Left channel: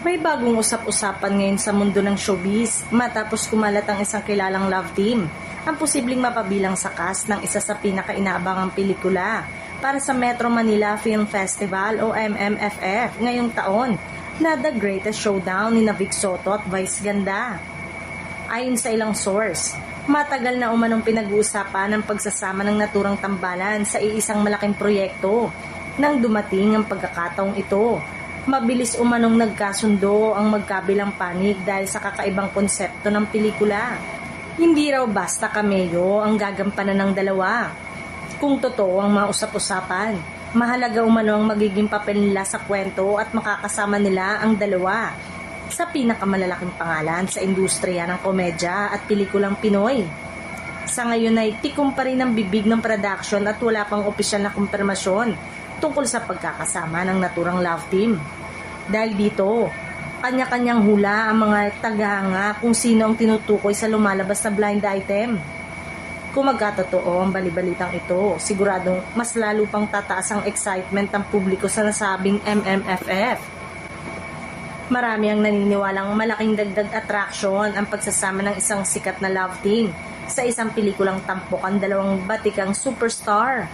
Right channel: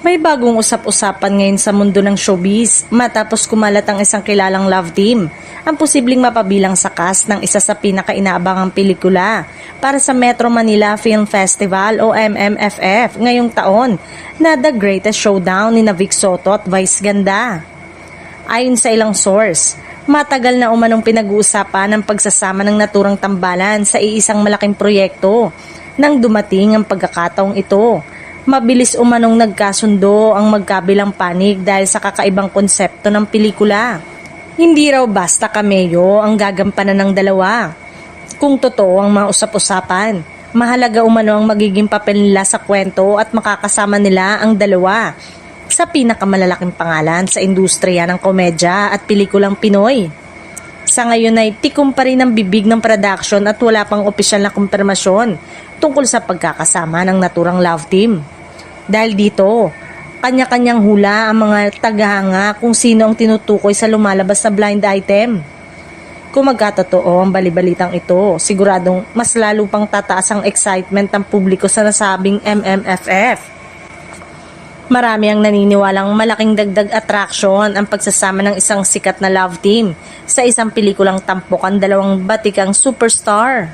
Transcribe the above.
May bagong usap-usapan ngayon sa mundo ng showbiz matapos kumalat ang isang kilalang love team, ang posibleng mapabilang sa cast ng isa sa pinakainaabangang pelikula para sa Metro Manila Film Festival o MMFF ngayong taon na The Greatest Showdown ni Vic Soto at Vice Ganda. Ayon sa ilang source, matagal na umanong pinag-uusapan ang pagsasama ng naturang tambalan sa iisang malaking proyekto nang dumating ang pagkakataong ito. Mabilis umanong nagkasundo ang magkabilang panig dahil sa kakaibang konsepto ng pelikula. Hindi raw basta cameo ang gagampanan ng dalawa. Kung totoo ang mga usap-usapan, mahalaga umano ang magiging papel nila sa kwento at makakasama nila ang dalawa sa pinakamalalaking pangalan sa industriya ng komedya at pelikulang Pinoy. Sa ngayon ay tikom pa rin ang bibig ng production at wala pang opisyal na kumpirmasyon tungkol sa pagkakasama ng naturang love team. Dahil dito, kanya-kanyang hula ang mga tagahanga kung sino ang tinutukoy sa lumalabas na blind item. Kung magkatotoo ang balibalitang ito, siguradong mas lalo pang tataas ang excitement ng publiko sa nasabing MMFF. Marami ang naniniwalang malaking dagdag attraction ang pagsasama ng isang sikat na love team sa isang pelikulang tampok ang dalawang batikang superstar.